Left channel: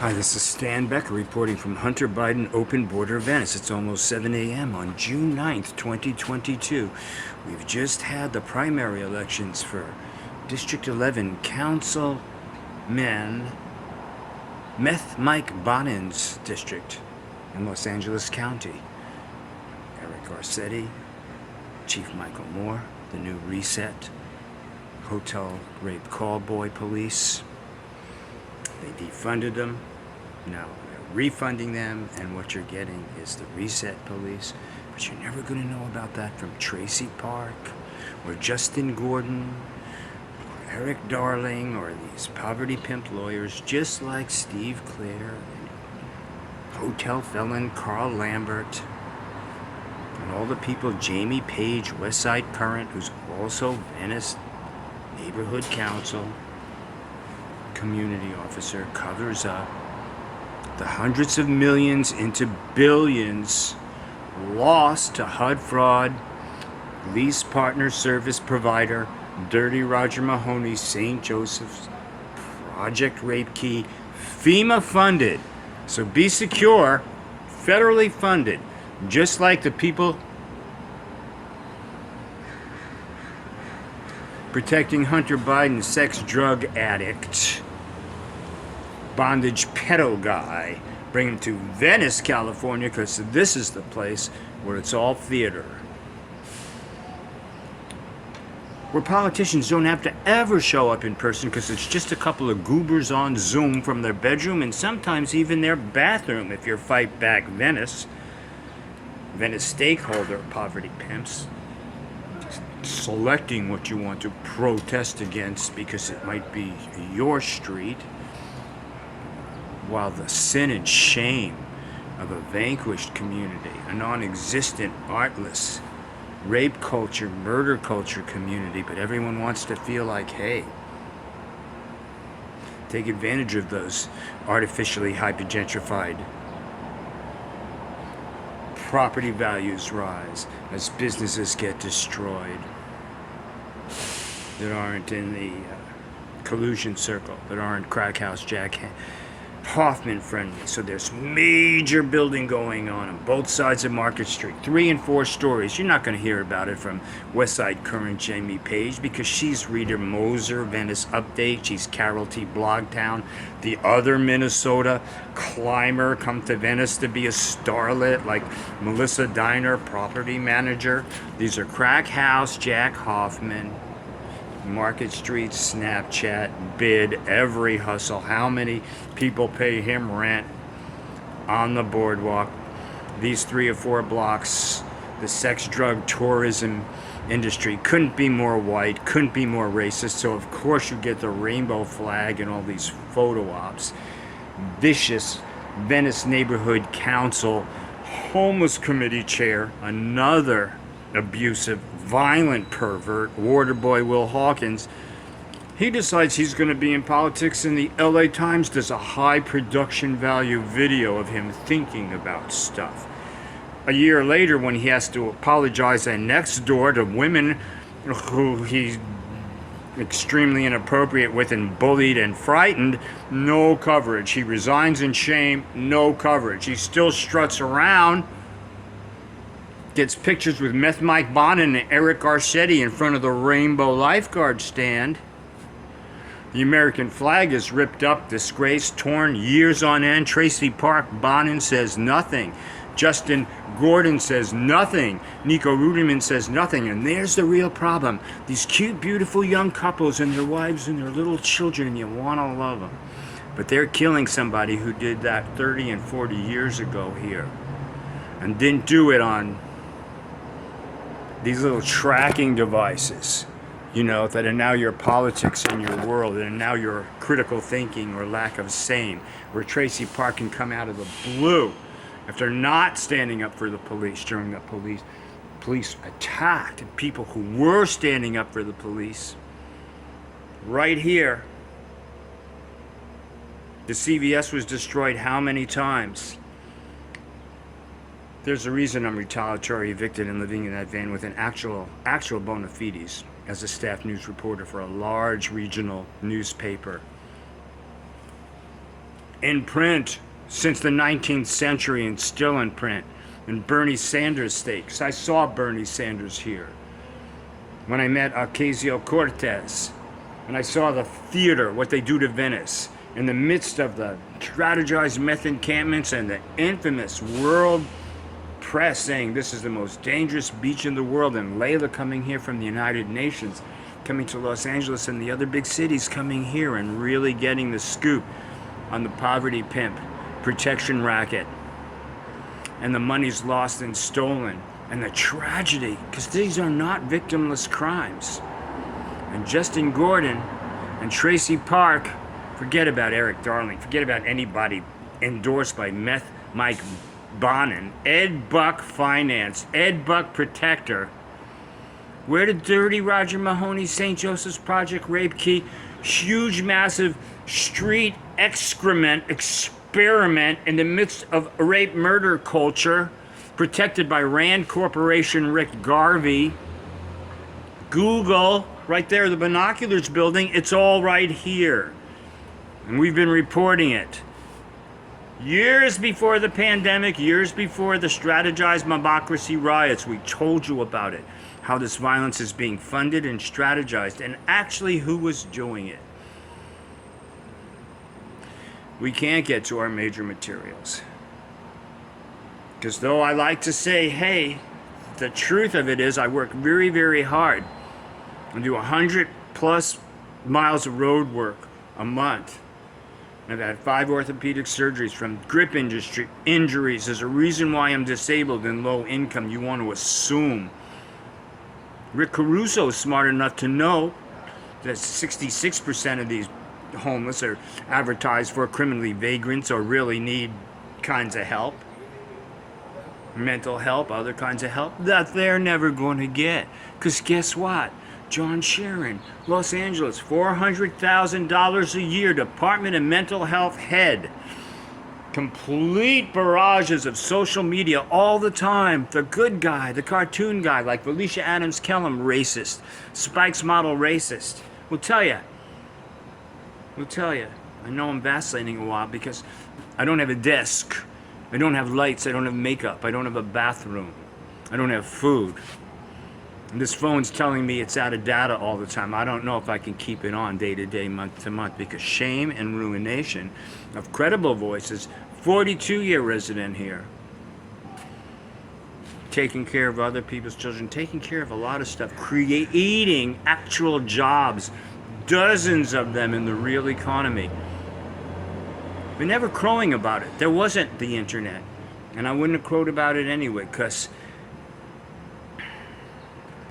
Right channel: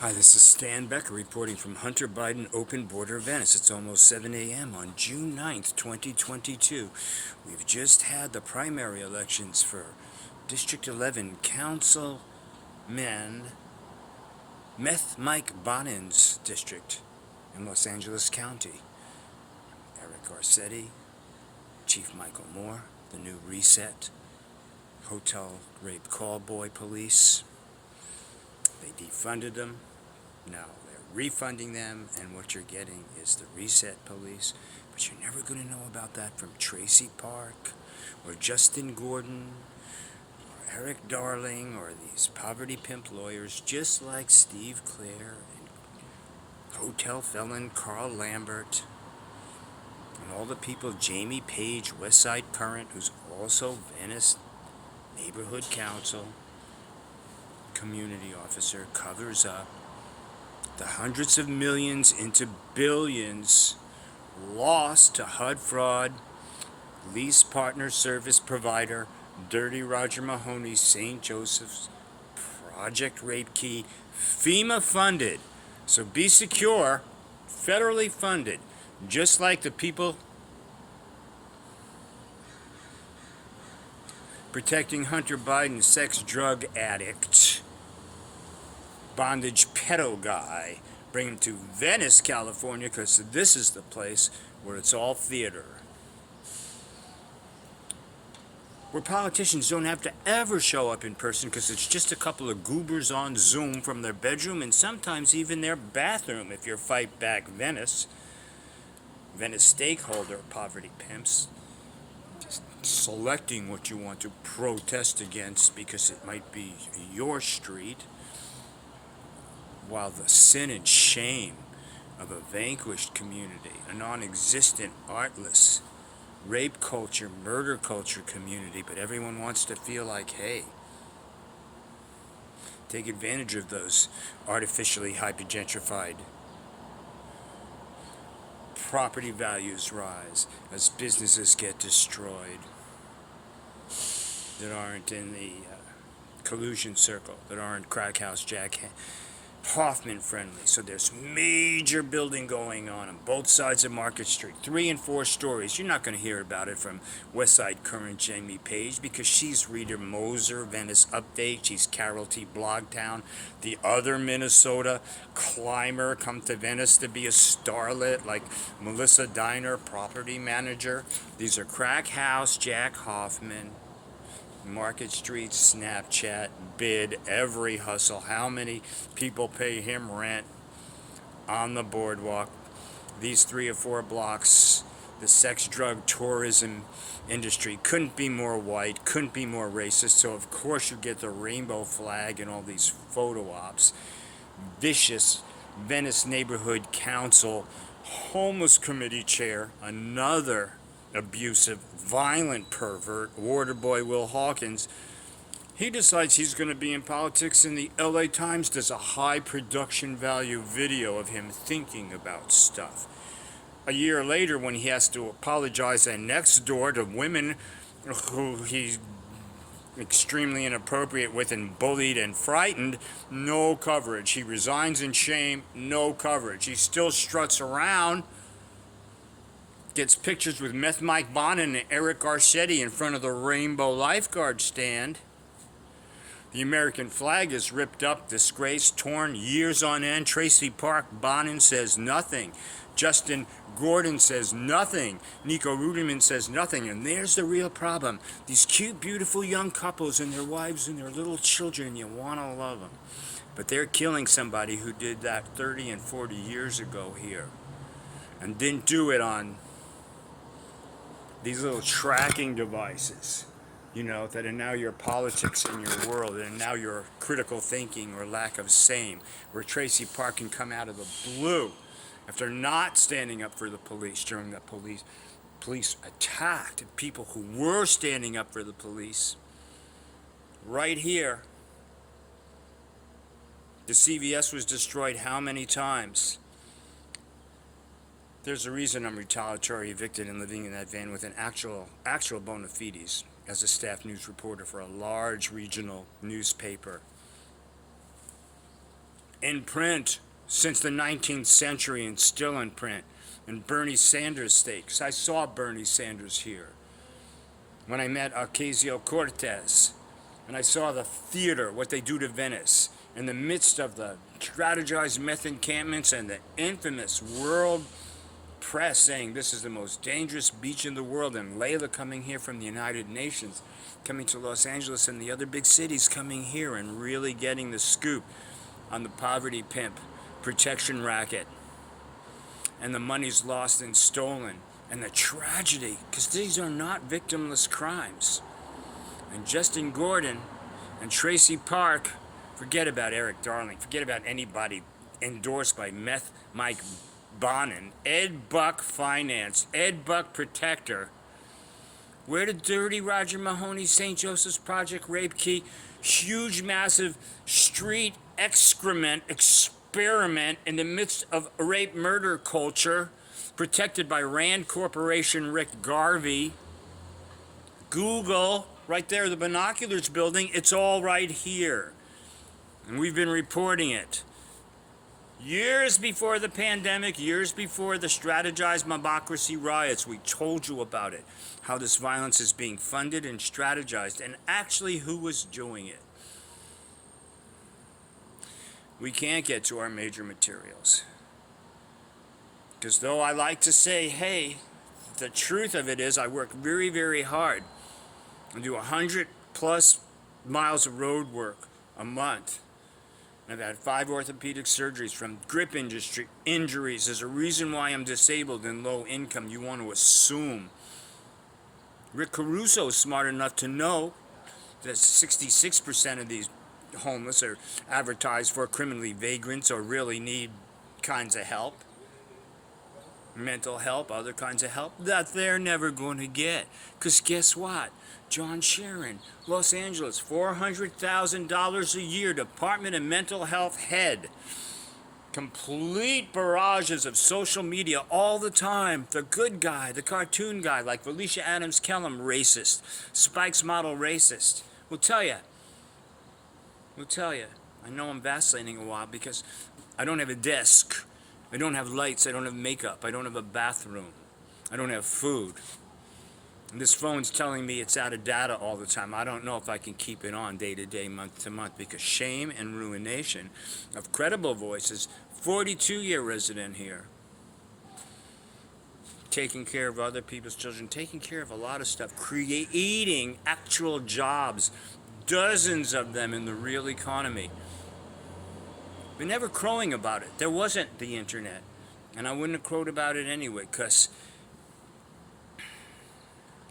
Hi, this is Stan Becker reporting from Hunter Biden Open Border Venice. It's almost 7 a.m. on June 9th, 2022. We've just had the primary elections for District 11 Councilman Mike Bonin's district in Los Angeles County. Eric Garcetti, Chief Michael Moore, the new Reset, Hotel Rape Callboy Police. They defunded them. Now they're refunding them, and what you're getting is the Reset Police. But you're never going to know about that from TRACI Park, or Justin Gordon, or Eric Darling, or these poverty pimp lawyers just like Steve Clare and hotel felon Carl Lambert, and all the people, Jamie Page, Westside Current, who's also Venice Neighborhood Council community officer, covers up the hundreds of millions into billions lost to HUD fraud, lease partner service provider, Dirty Roger Mahoney, St. Joseph's, Project Rape Key, FEMA funded. So be secure, federally funded, just like the people protecting Hunter Biden, sex drug addict, bondage pedo guy, bring him to Venice, California, because this is the place where it's all theater. Where politicians don't have to ever show up in person because it's just a couple of goobers on Zoom from their bedroom and sometimes even their bathroom if you're Fight Back Venice. Venice stakeholder poverty pimps. Selecting what you want to protest against because it might be your street, while the sin and shame of a vanquished community, a non-existent, artless, rape culture, murder culture community, but everyone wants to feel like, hey, take advantage of those artificially hypergentrified property values rise as businesses get destroyed that aren't in the collusion circle, that aren't crack house Jack Hoffman friendly. So there's major building going on both sides of Market Street, 3 and 4 stories. You're not going to hear about it from Westside Current Jamie Page because she's Rita Moser, Venice Update. She's Carol T. Blogtown. The other Minnesota climber come to Venice to be a starlet like Melissa Diner, property manager. These are Crack House Jack Hoffman, Market Street, Snapchat, bid, every hustle. How many people pay him rent on the boardwalk? These 3 or 4 blocks, the sex, drug, tourism industry couldn't be more white, couldn't be more racist. So of course you get the rainbow flag and all these photo ops. Vicious Venice Neighborhood Council homeless committee chair, another abusive, violent pervert, Waterboy Will Hawkins. He decides he's going to be in politics, and the LA Times does a high production value video of him thinking about stuff. A year later, when he has to apologize next door to women who he's extremely inappropriate with and bullied and frightened, no coverage. He resigns in shame, no coverage. He still struts around, gets pictures with Meth Mike Bonin and Eric Garcetti in front of the Rainbow Lifeguard stand. The American flag is ripped up, disgraced, torn, years on end. TRACI Park Bonin says nothing. Justin Gordon says nothing. Nico Ruderman says nothing. And there's the real problem. These cute, beautiful young couples and their wives and their little children, you want to love them. But they're killing somebody who did that 30 and 40 years ago here and didn't do it on these little tracking devices, that are now your politics in your world and now your critical thinking or lack of sane, where TRACI Park can come out of the blue after not standing up for the police during the police attacked people who were standing up for the police. Right here, the CVS was destroyed how many times? There's a reason I'm retaliatory evicted and living in that van with an actual bona fides as a staff news reporter for a large regional newspaper in print since the 19th century and still in print. And Bernie Sanders stakes. I saw Bernie Sanders here when I met Ocasio-Cortez. And I saw the theater, what they do to Venice, in the midst of the strategized meth encampments and the infamous world press saying this is the most dangerous beach in the world, and Layla coming here from the United Nations, coming to Los Angeles and the other big cities, coming here and really getting the scoop on the poverty pimp protection racket, and the money's lost and stolen, and the tragedy, because these are not victimless crimes. And Justin Gordon and Tracy Park, forget about Eric Darling, forget about anybody endorsed by Meth Mike Bonin, Ed Buck Finance, Ed Buck Protector. Where did Dirty Roger Mahoney, St. Joseph's Project, Rape Key, huge massive street excrement experiment in the midst of rape murder culture, protected by Rand Corporation, Rick Garvey, Google, right there, the binoculars building, it's all right here. And we've been reporting it. Years before the pandemic, years before the strategized mobocracy riots, we told you about it. How this violence is being funded and strategized, and actually who was doing it. We can't get to our major materials. Because though I like to say, hey, the truth of it is I work very, very hard. I do 100+ miles of road work a month. I've had 5 orthopedic surgeries from grip industry injuries. There's a reason why I'm disabled and low income. You want to assume. Rick Caruso is smart enough to know that 66% of these homeless are advertised for criminally vagrants or really need kinds of help. Mental help, other kinds of help that they're never going to get. Because guess what? John Sharon, Los Angeles, $400,000 a year, Department of Mental Health head. Complete barrages of social media all the time. The good guy, the cartoon guy, like Valecia Adams Kellum, racist. Spikesmodel, racist. We'll tell you. I know I'm vacillating a while because I don't have a desk. I don't have lights. I don't have makeup. I don't have a bathroom. I don't have food. And this phone's telling me it's out of data all the time. I don't know if I can keep it on day to day, month to month, because shame and ruination of credible voices, 42-year resident here, taking care of other people's children, taking care of a lot of stuff, creating actual jobs, dozens of them in the real economy. But never crowing about it. There wasn't the internet. And I wouldn't have crowed about it anyway, because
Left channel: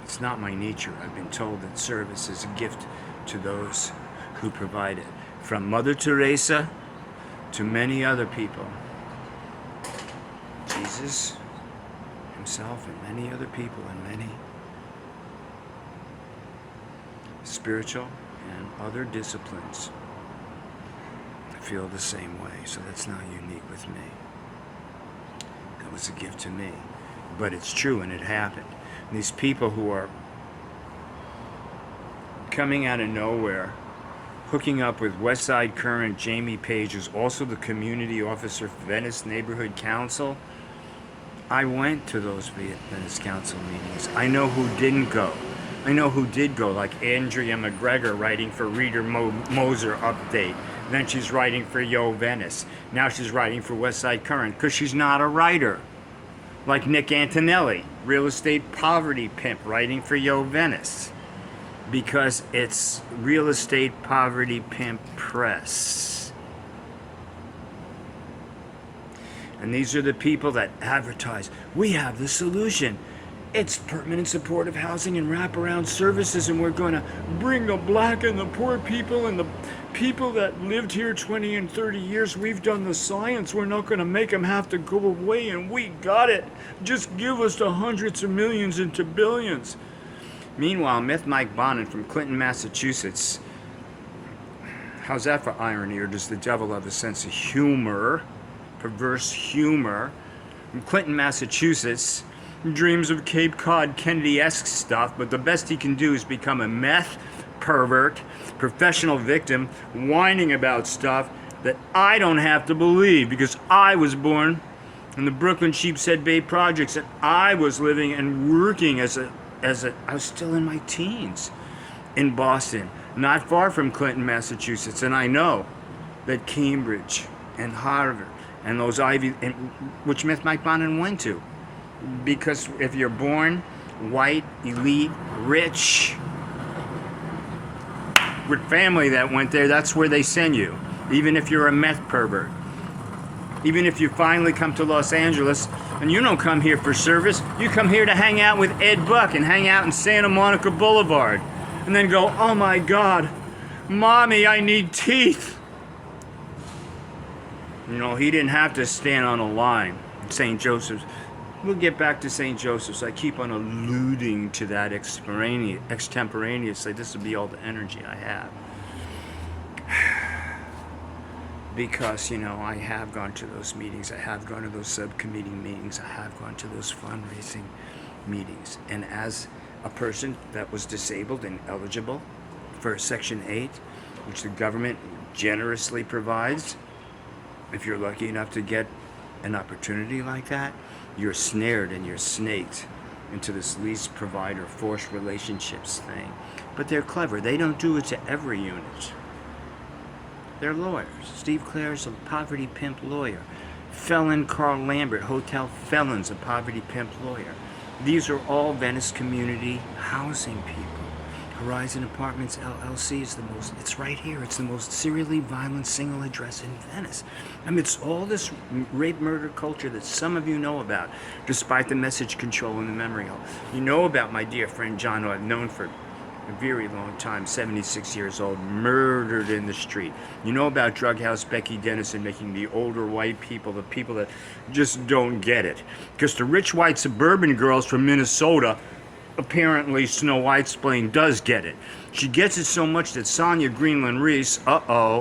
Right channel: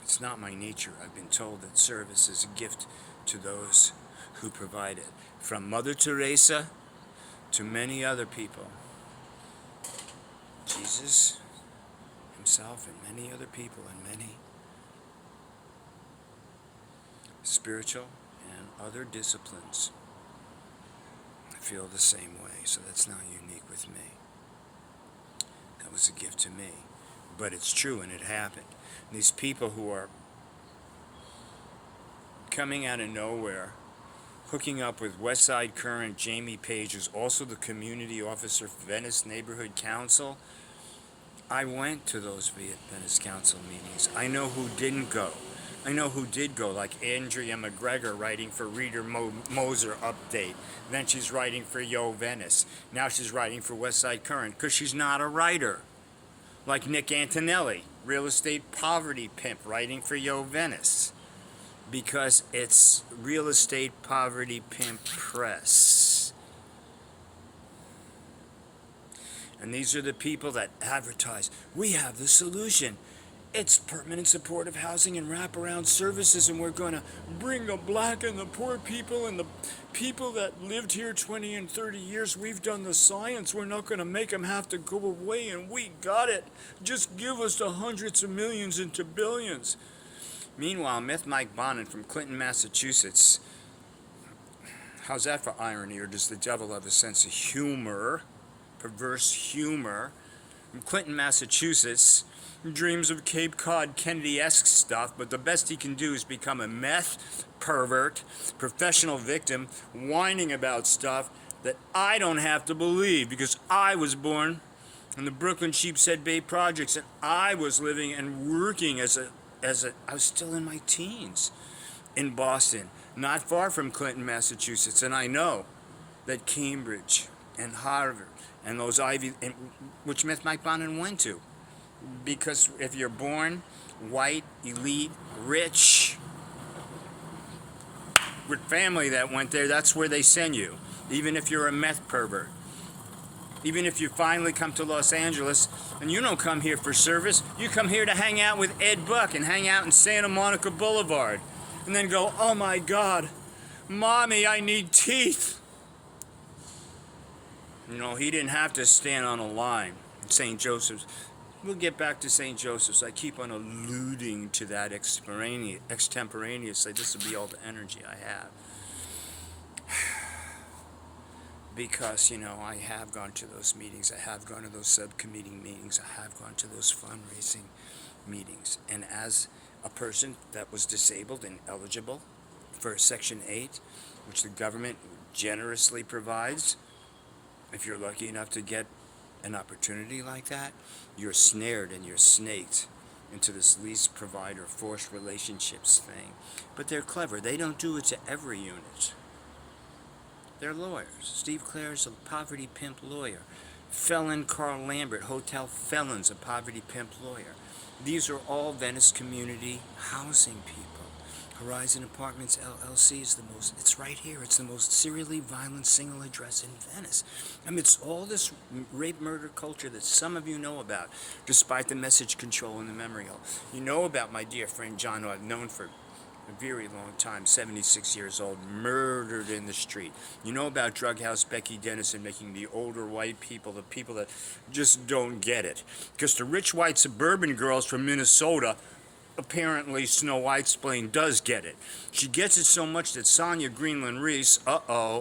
it's not my nature. I've been told that service is a gift to those who provide it. From Mother Teresa to many other people. Jesus himself and many other people and many spiritual and other disciplines feel the same way. So that's not unique with me. That was a gift to me. But it's true and it happened. These people who are coming out of nowhere, hooking up with Westside Current Jamie Page, who's also the community officer for Venice Neighborhood Council. I went to those Venice Council meetings. I know who didn't go. I know who did go, like Andrea McGregor writing for Reader Moser Update. Then she's writing for Yo Venice. Now she's writing for Westside Current because she's not a writer. Like Nick Antonelli, real estate poverty pimp, writing for Yo Venice. Because it's real estate poverty pimp press. And these are the people that advertise, we have the solution. It's permanent supportive housing and wraparound services, and we're going to bring the black and the poor people and the people that lived here 20 and 30 years. We've done the science. We're not going to make them have to go away, and we got it. Just give us the hundreds of millions into billions. Meanwhile, Myth Mike Bonin from Clinton, Massachusetts. How's that for irony, or does the devil have a sense of humor? Perverse humor. From Clinton, Massachusetts. Dreams of Cape Cod Kennedy-esque stuff, but the best he can do is become a meth pervert, professional victim, whining about stuff, that I don't have to believe because I was born in the Brooklyn Sheepshead Bay projects, that I was living and working I was still in my teens in Boston, not far from Clinton, Massachusetts. And I know that Cambridge and Harvard and those Ivy, which Mike Bonin went to. Because if you're born white, elite, rich, with family that went there, that's where they send you. Even if you're a meth pervert. Even if you finally come to Los Angeles, and you don't come here for service, you come here to hang out with Ed Buck and hang out in Santa Monica Boulevard. And then go, oh my God, Mommy, I need teeth. You know, he didn't have to stand on a line in St. Joseph's. We'll get back to St. Joseph's. I keep on alluding to that extemporaneously. This will be all the energy I have. Because, you know, I have gone to those meetings. I have gone to those subcommittee meetings. I have gone to those fundraising meetings. And as a person that was disabled and eligible for Section 8, which the government generously provides, if you're lucky enough to get an opportunity like that, you're snared and you're snaked into this lease provider forced relationships thing. But they're clever. They don't do it to every unit. They're lawyers. Steve Clare's a poverty pimp lawyer. Felon Carl Lambert, hotel felons, a poverty pimp lawyer. These are all Venice community housing people. Horizon Apartments LLC is the most, it's right here, it's the most serially violent single address in Venice. Amidst all this rape murder culture that some of you know about, despite the message control in the memory hole. You know about my dear friend John, who I've known for a very long time, 76 years old, murdered in the street. You know about Drug House Becky Dennison making the older white people, the people that just don't get it. Because the rich white suburban girls from Minnesota, apparently Snow White's plane does get it. She gets it so much that Sonia Greenland Reese,